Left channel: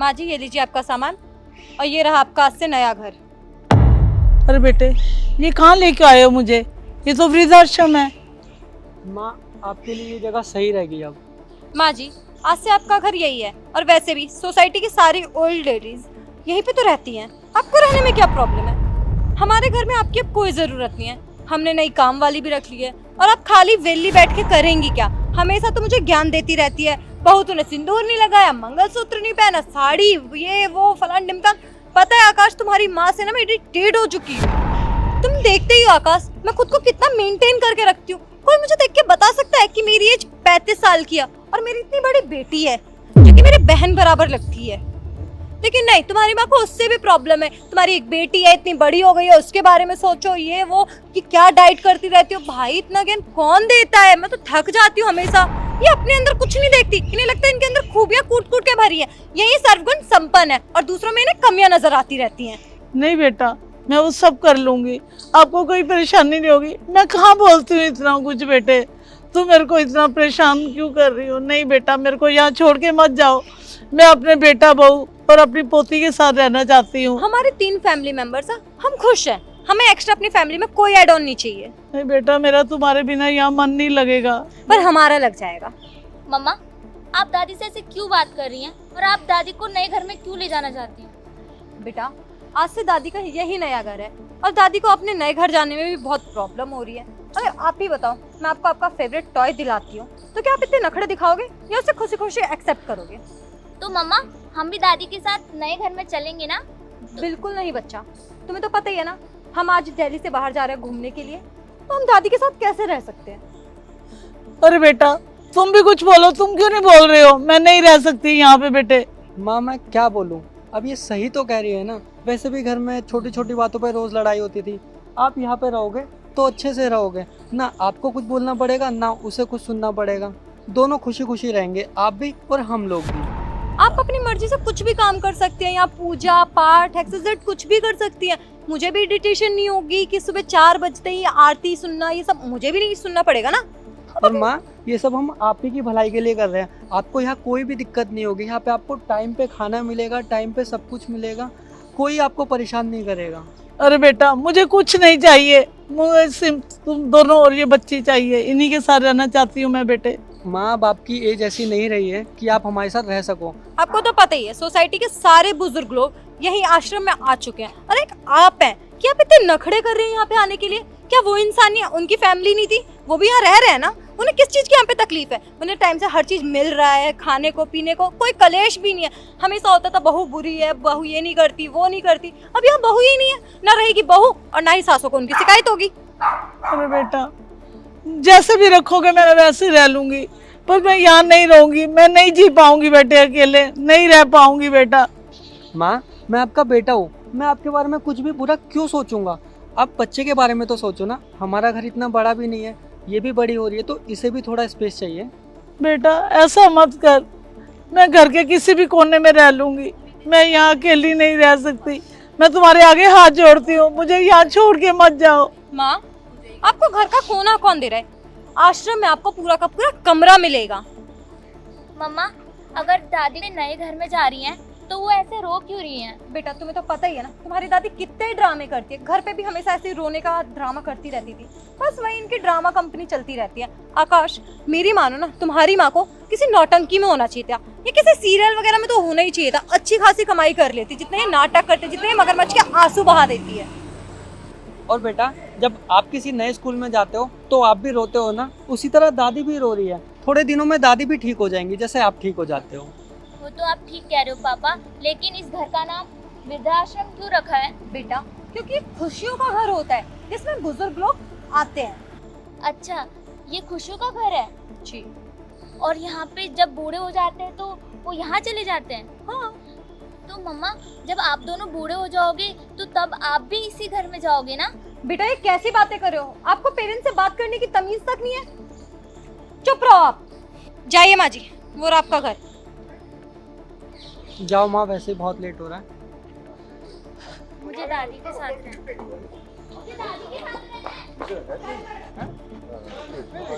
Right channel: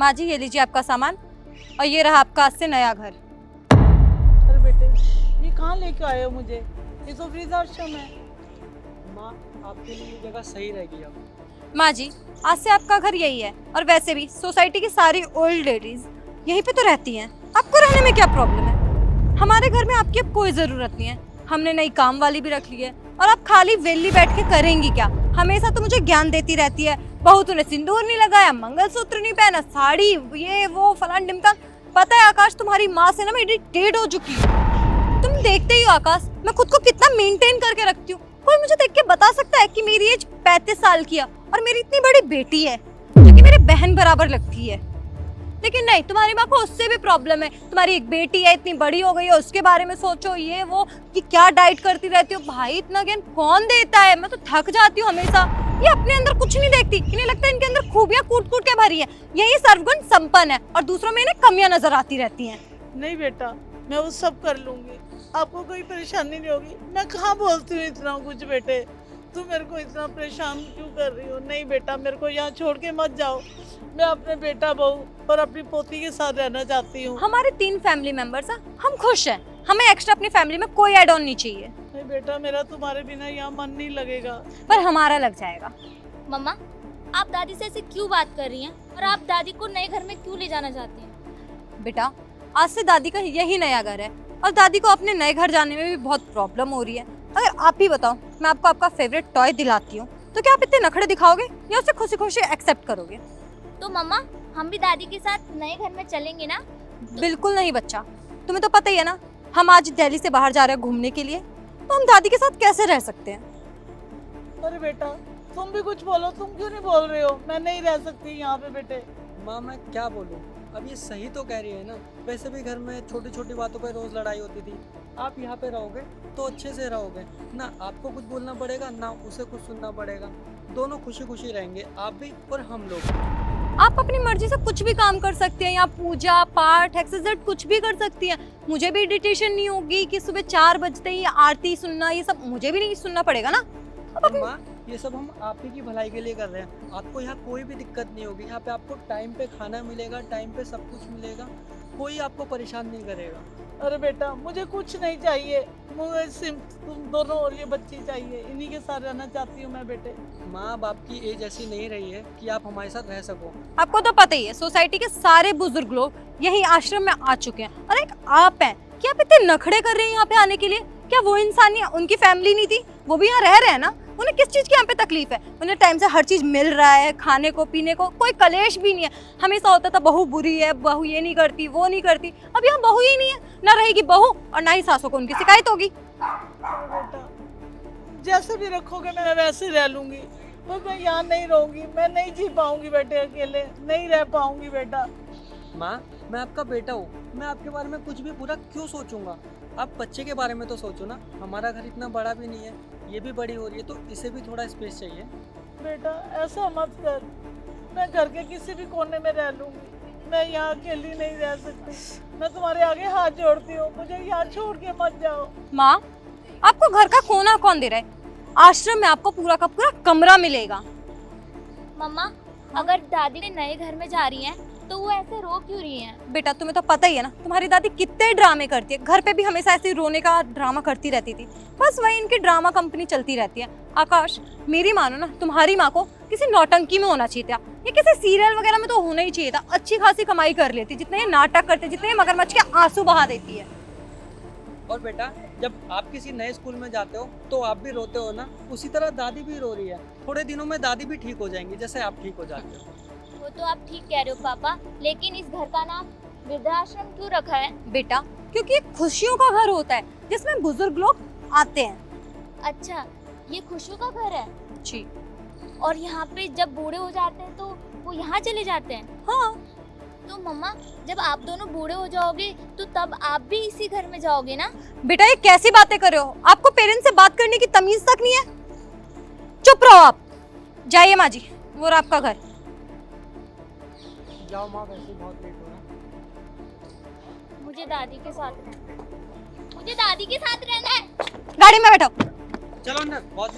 माँ जी ये लीजिए आपका सामान और ये रहा आपका आज से नया घर। अरे बेटे, ये कहाँ लेके आए हो मुझे? ये तो वृद्धाश्रम है। माँ, आपके लिए ये जगह सही रहेगी अब। माँ जी आज से आपका घर यही है और वैसे भी सोसाइटी की सारी ओल्ड लेडीज यहीं पे तो रहती हैं। आपको रहने में क्या प्रॉब्लम है? हमारे घर में आपकी अब कोई जरूरत नहीं है। हमने नई काम वाली भी रख ली है और आप खाली वेली बैठ के करेंगी क्या? हमेशा तो मुझे ज्ञान देती रहती है, बहू तूने सिंदूर नहीं लगाया, मंगलसूत्र नहीं पहना, साड़ी ये वो फलान ढिमका। पता है आकाश, तुम्हारी माँ से ना मैं इरिटेट हो चुकी हूँ। तुम देखते ही हो आकाश, मैं खुद को कितना मेंटेन करके रखती हूँ। कोई मुझे देख के बता सकता है कि मेरी एज 35 साल की है और मेरी इतनी बड़ी बेटी है जो कि मेरे बहन बराबर लगती है। लेकिन नहीं, तुम्हारी माँ को उससे भी प्रॉब्लम है। तुम्हारी एक बेटी है, इतनी बड़ी हो गई है, उसके बारे में सोचो, ये वो कि क्या डाइट करती रहती हो। भाई इतना ज्ञान कौन देता है? मैं तो थक जाती हूँ हमेशा। ये अपने अंदर कुछ नहीं देखती, इन्हें लगता है इनके अंदर खूबियां कूट कूट के भरी है, यही सर्वगुण संपन्न है और दूसरों में इन्हें कमियां नजर आती रहती हैं। नहीं बेटा, मैं वो सब कर लूंगी, आपको कोई परेशानी नहीं होगी। मैं कहाँ बोलती हूँ इतना कुछ बेटे, तू मेरे को इतना परेशान क्यों कर रही हो? नहीं बेटा, मेरे को यहाँ छोड़ के मत जाओ। मैं अपने बेटा, बहू और अपनी पोती के साथ रहना चाहती हूँ। हमारे 3 फैमिली मेंबर्स हैं, हम खुश हैं। हमें एक्स्ट्रा अपनी फैमिली में कोई ऐड ऑन नहीं चाहिए। नहीं बेटा, मेरा तुम्हारे बिना यहाँ मन नहीं लगेगा। पर हमारा लग जाएगा। मम्मा, आप दादी से ऐसे क्यों बात कर रही हैं और आप दादी को नए घर में क्यों ले जाना चाहती हैं? बेटा आज से दादी का यही नया घर है और दादी को अपने नए घर जाने में भी बहुत प्रॉब्लम हो रही है। अगर आप ही बताओ, मैं आपको आपका फेवरेट टॉय दिलाती हूँ तो क्या आप इतने नखरे दिखाओगे या उसे खुशी खुशी एक्सेप्ट करोगे? तो मम्मा, हम भी दादी के साथ नए घर में चलेंगे ना? बिल्कुल नहीं बच्चा, तुम्हें तो पता ही है ना, हम आज दिल्ली से बाहर जा रहे हैं घूमने के लिए, तो हम दादी के साथ कैसे रह सकते हैं? अरे बेटा, तुम भी कुछ बोलो, तुम क्यों नहीं बोल रहे हो? मैं नहीं रह सकती यहाँ पे बेटे। माँ, मैं क्या बोलूँ? अब ये सही तो कह रही है ना। वैसे भी घर में छोटी छोटी बातों पर रोज लड़ाई होती थी। आप यहाँ पे रहोगे तो अच्छे से रहोगे ना, आपको कुछ बोलना पड़ेगा ना उसे कुछ सुनना पड़ेगा। दोनों खुशी खुशी रहेंगे, आप भी और हम लोग भी। आप अपनी मर्जी से कुछ भी काम कर सकते हैं, यहाँ पूजा पाठ एक्सरसाइज कुछ भी कर सकती हैं। मुझे भी इरिटेशन नहीं होगी कि सुबह 4 बजते ही आरती सुनना, ये सब मुझे भी नहीं सुनना पड़ेगा ना। और माँ, ये सब हम आप ही की भलाई के लिए कर रहे हैं। आपको यहाँ कोई भी दिक्कत नहीं होगी। यहाँ पे आपको टाइम पे खाना मिलेगा, टाइम पे सब कुछ मिलेगा, कोई आपको परेशान नहीं करेगा। अरे बेटा, मुझे कुछ नहीं चाहिए, मुझे सिर्फ तुम दोनों और ये बच्ची चाहिए। इन्हीं के साथ रहना चाहती हूँ मैं बेटे। माँ बाप की एज ऐसी नहीं रही है कि आप हमारे साथ रह सको। आपको तो पता ही है, सोसाइटी के सारे बुजुर्ग लोग यही आश्रम में आ चुके हैं और एक आप हैं कि आप इतने नखड़े कर रहे हैं यहाँ पे आने के लिए। क्या वो इंसान नहीं, उनकी फैमिली नहीं थी? वो भी यहाँ रह रहे हैं ना। उन्हें किस चीज की यहाँ पे तकलीफ है? उन्हें टाइम से हर चीज मिल रहा है, खाने को पीने को, कोई कलेश भी नहीं है। हमेशा होता था बहू बुरी है, बहू ये नहीं करती वो नहीं करती। अब यहाँ बहू ही नहीं है, ना रहेगी बहू और ना ही सासों को उनकी शिकायत होगी। अरे बेटा, जैसे भी रखोगे मैं वैसे ही रह लूंगी, पर मैं यहाँ नहीं रहूंगी। मैं नहीं जी पाऊंगी बेटे, अकेले नहीं रह पाऊंगी बेटा। माँ, मैं आपका बेटा हूँ, मैं आपके बारे में कुछ भी बुरा क्यों सोचूंगा? आप बच्चे के बारे में तो सोचो ना। हमारा घर इतना बड़ा भी नहीं है, ये भी बड़ी हो रही है तो इसे भी थोड़ा स्पेस चाहिए। बेटा ऐसा मत कर, मैं घर के किसी भी कोने में रह लूंगी। मैं यहाँ अकेली नहीं रह सकती। मैं तुम्हारे आगे हाथ जोड़ती हूँ, मुझे यहाँ छोड़ के मत जाओ। माँ, आपको घर का कोना कौन दे रहा है? आश्रम में आपको पूरा का पूरा कमरा मिलेगा। मम्मा, अगर दादी ने नए घर में जा रही हैं तो वो ऐसे रो क्यों रही हैं? बेटा तुम्हें तो पता ही है ना, तुम्हारी दादी कितने ड्रामे करती है। घर पे भी हमेशा ऐसे रोने का ड्रामा करती रहती थी। बस वही इनकी ड्रामा कंपनी चलती रहती है। आकाश, मेरी मानो ना, तुम्हारी माँ को किसी नौटंकी में होना चाहिए था, ये किसी सीरियल वगैरह में तो होना ही चाहिए था। अच्छी खासी कमाई कर लेती, जितने ये नाटक करती, जितने ये मगरमच्छ के आंसू बहा देती है। और बेटा, जब आप किसी नए स्कूल में जाते हो तो आप भी रोते हो ना, उसी तरह दादी भी रो रही है। थोड़े दिनों में दादी भी ठीक हो जाएंगी जैसे आप ठीक हो जाते हो। वो तो आप ठीक कह रहे हो पापा, लेकिन इस घर का नाम वृद्धाश्रम क्यों रखा है? बेटा क्योंकि ये खुशियों का घर होता है जिसमें बुजुर्ग लोग आते हैं। अच्छा, ये खुशियों का घर है। जी और यहाँ पे जब बूढ़े हो जाते हैं तो वो यहाँ चले जाते हैं। हाँ। तो मम्मा, जब आप दोनों बूढ़े हो जाओगे तो तब आप भी इसी घर में जाओगे ना? बेटा ये कैसी बातें कर रहे हो? आपको पेरेंट्स से बात करने की तमीज तक नहीं है? चुप रहो आप। जाइए माँ जी, वो रहा आपका घर। जाओ माँ, वैसे बहुत लेट हो रहा है। मुझे दादी के साथ रहना है। मुझे दादी के साथ रहना है। गाड़ी में बैठो। चलो ना, बहुत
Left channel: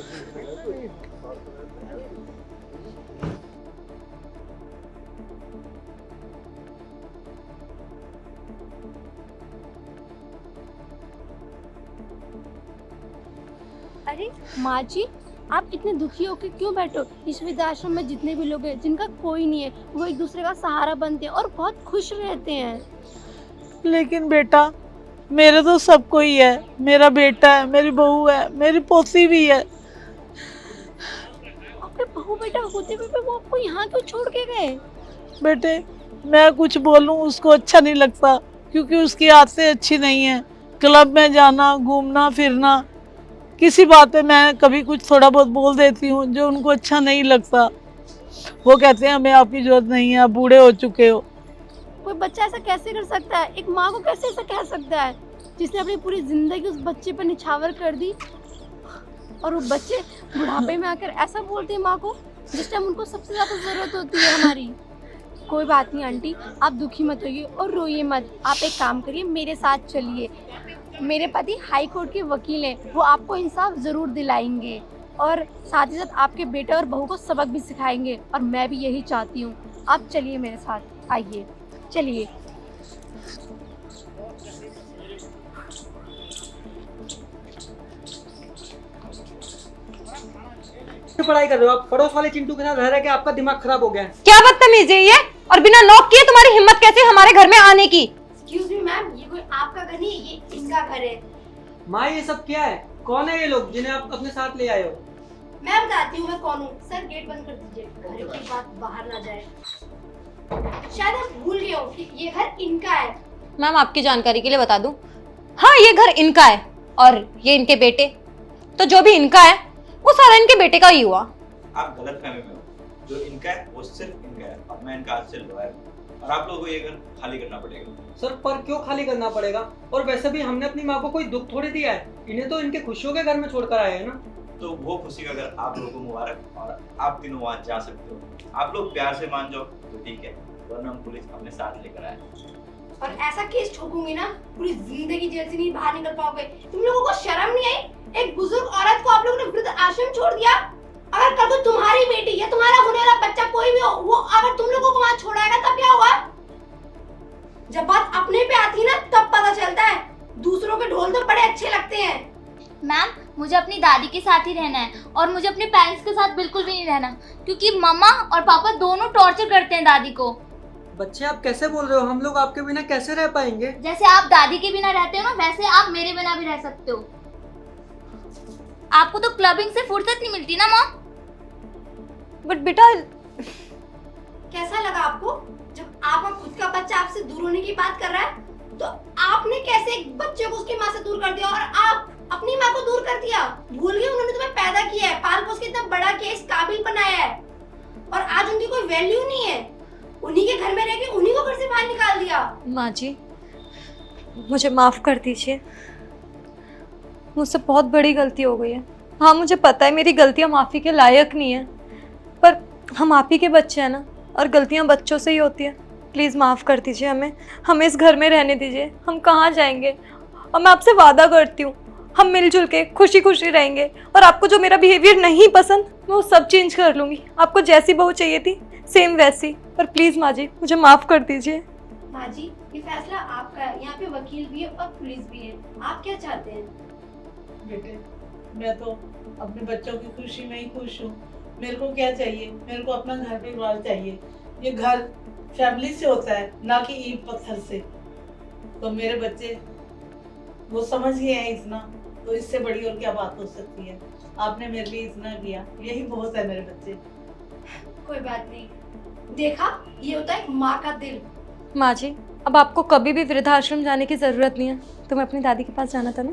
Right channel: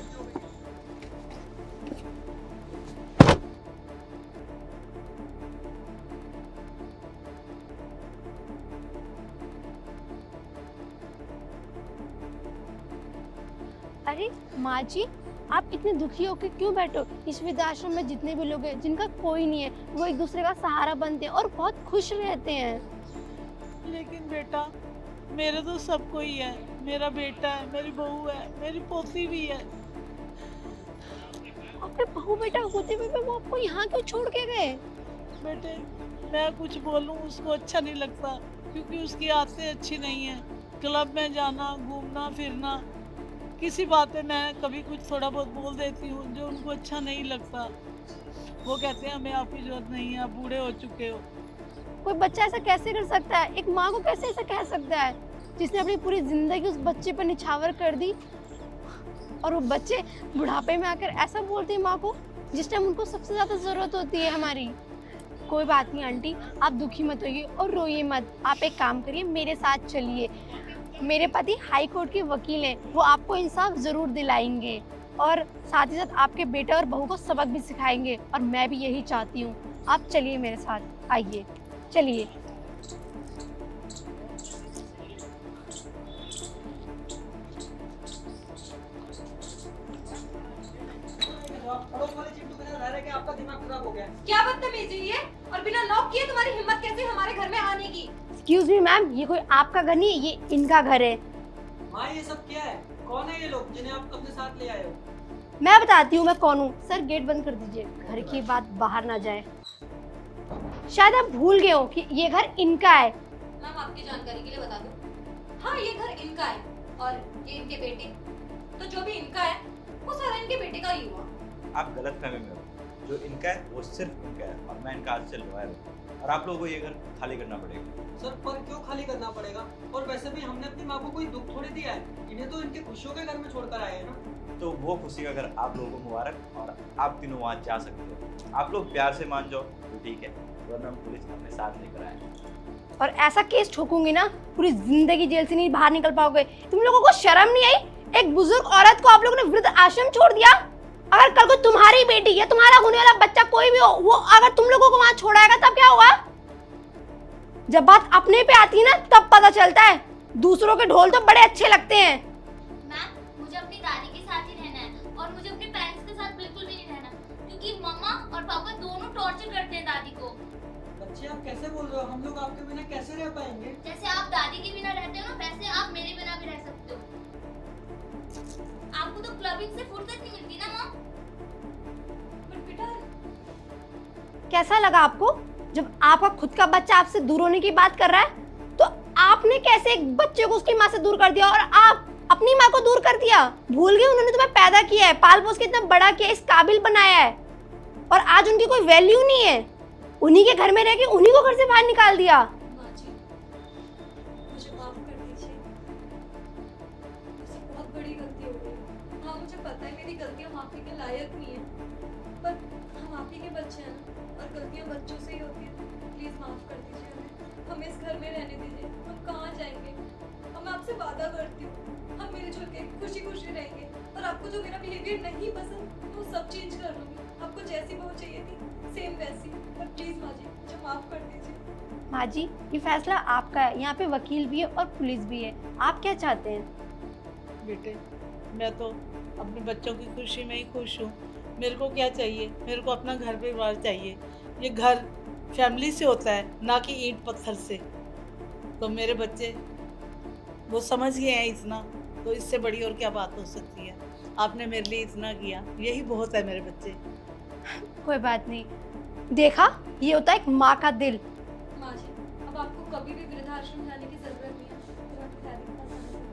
अरे माँ जी, आप इतने दुखी होकर क्यों बैठो? इस वृद्धाश्रम में जितने भी लोग हैं जिनका कोई नहीं है, वो एक दूसरे का सहारा बनते हैं और बहुत खुश रहते हैं। लेकिन बेटा, मेरे तो सब कोई है। मेरा बेटा है, मेरी बहू है, मेरी पोती भी है। और बहू बेटा होते हुए भी वो आपको यहाँ क्यों छोड़ के गए? बेटे, मैं कुछ बोलूं उसको अच्छा नहीं लगता, क्योंकि उसकी आदतें अच्छी नहीं है। क्लब में जाना, घूमना फिरना, किसी बात पे मैं कभी कुछ थोड़ा बहुत बोल देती हूँ जो उनको अच्छा नहीं लगता। वो कहते हैं हमें आपकी जरूरत नहीं है, आप बूढ़े हो चुके हो। कोई बच्चा ऐसा कैसे कर सकता है? एक माँ को कैसे ऐसा कह सकता है जिसने अपनी पूरी जिंदगी उस बच्चे पर निछावर कर दी, और वो बच्चे बुढ़ापे में आकर ऐसा बोलते हैं माँ को जिस टाइम उनको सबसे ज्यादा जरूरत होती है हमारी। कोई बात नहीं आंटी, आप दुखी मत होइए और रोइए मत। आप एक काम करिए, मेरे साथ चलिए। मेरे पति हाई कोर्ट के वकील हैं, वो आपको इंसाफ जरूर दिलाएंगे और साथ ही साथ आपके बेटे और बहू को सबक भी सिखाएंगे, और मैं भी यही चाहती हूँ। आप चलिए मेरे साथ, आइए चलिए। पढ़ाई कर रहे हो आप? पड़ोस वाले चिंटू के साथ रह रहे के आपका दिमाग खराब हो गया है। क्या बदतमीजी है ये? और बिना नॉक किए तुम्हारी हिम्मत कैसे हमारे घर में आने की? एक्सक्यूज मी मैम, ये कोई आपका घर नहीं है, ये इनका घर है। माँ ये सब क्या है? कौन है ये लोग जिन्हें आप अपने साथ ले आए हो? मैं बताती हूँ मैं कौन हूँ। सर गेट बंद कर दीजिए, घर की बात बाहर ना जाए। शायद आप भूल गए हो कि ये घर इनका है। मैम आपकी जानकारी के लिए बता दूं, हाँ ये घर इनका है और ये इनके बेटे। तो जो भी इनका है वो सारा इनके बेटे का ही हुआ। आप गलत फहमी में हो। जो इनका है वो सिर्फ इनका है और मैं इनका आज से लॉयर हूँ और आप लोगों को ये घर खाली करना पड़ेगा। सर पर क्यों खाली करना पड़ेगा? और वैसे भी हमने अपनी माँ को कोई दुख थोड़ी दिया है, इन्हें तो इनके खुशियों के घर में छोड़कर आए हैं ना। तो वो खुशी का घर आप लोगों को मुबारक, और आप तीनों वहाँ जा सकते हो। आप लोग प्यार से मान जाओ तो ठीक है, वरना हम पुलिस अपने साथ लेकर आए। और ऐसा केस ठोकूंगी ना, पूरी जिंदगी जेल से नहीं बाहर निकल पाओगे। तुम लोगों को शर्म नहीं आई? एक बुजुर्ग औरत को आप लोगों ने वृद्ध आश्रम छोड़ दिया। अगर कल को तुम्हारी बेटी या तुम्हारा होने वाला बच्चा कोई भी हो, वो अगर तुम लोगों को वहां छोड़ाएगा तब क्या होगा? जब बात अपने पे आती है ना तब पता चलता है। दूसरों के ढोल तो बड़े अच्छे लगते हैं। मैम मुझे अपनी दादी के साथ ही रहना है और मुझे अपने पेरेंट्स के साथ बिल्कुल भी नहीं रहना, क्योंकि मम्मा और पापा दोनों टॉर्चर करते हैं दादी को। बच्चे आप कैसे बोल रहे हो? हम लोग आपके बिना कैसे रह पाएंगे? जैसे आप दादी के बिना रहते हो ना, वैसे आप मेरे बिना भी रह सकते हो। आपको तो क्लबिंग से फुर्सत नहीं मिलती ना मॉम। बट बेटा, कैसा लगा आपको जब आपका खुद का बच्चा आपसे दूर होने की बात कर रहा है? तो आपने कैसे एक बच्चे को उसकी माँ से दूर कर दिया और आप अपनी माँ को दूर कर दिया? भूल गए उन्होंने तुम्हें पैदा किया है, पाल पोस के इतना बड़ा किया, इस काबिल बनाया है, और आज उनकी कोई वैल्यू नहीं है। उन्हीं के घर में रह के उन्हीं को घर से बाहर निकाल दिया। माँ जी मुझे माफ कर दीजिए, मुझसे बहुत बड़ी गलती हो गई है। हाँ मुझे पता है मेरी गलतियाँ माफ़ी के लायक नहीं है, पर हम आप ही के बच्चे हैं ना, और गलतियाँ बच्चों से ही होती है। प्लीज़ माफ़ कर दीजिए हमें इस घर में रहने दीजिए। हम कहाँ जाएंगे? और मैं आपसे वादा करती हूँ हम मिलजुल के खुशी खुशी रहेंगे, और आपको जो मेरा बिहेवियर नहीं पसंद मैं वो सब चेंज कर लूँगी। आपको जैसी बहू चाहिए थी सेम वैसी। पर प्लीज़ माँ जी मुझे माफ़ कर दीजिए। माँ जी ये फैसला आपका है, यहाँ पे वकील भी है और पुलिस भी है। आप क्या चाहते हैं? बेटे, मैं तो अपने बच्चों की खुशी में ही खुश हूँ। मेरे को क्या चाहिए? मेरे को अपना घर परिवार चाहिए। ये घर फैमिली से होता है, ना कि ईंट पत्थर से। तो मेरे बच्चे वो समझ गए हैं इतना, तो इससे बड़ी और क्या बात हो सकती है? आपने मेरे लिए इतना किया, यही बहुत है मेरे बच्चे। कोई बात नहीं, देखा ये होता है एक माँ का दिल। माँ जी अब आपको कभी भी वृद्धाश्रम जाने की ज़रूरत नहीं है। तुम्हें अपनी दादी के पास जाना था ना?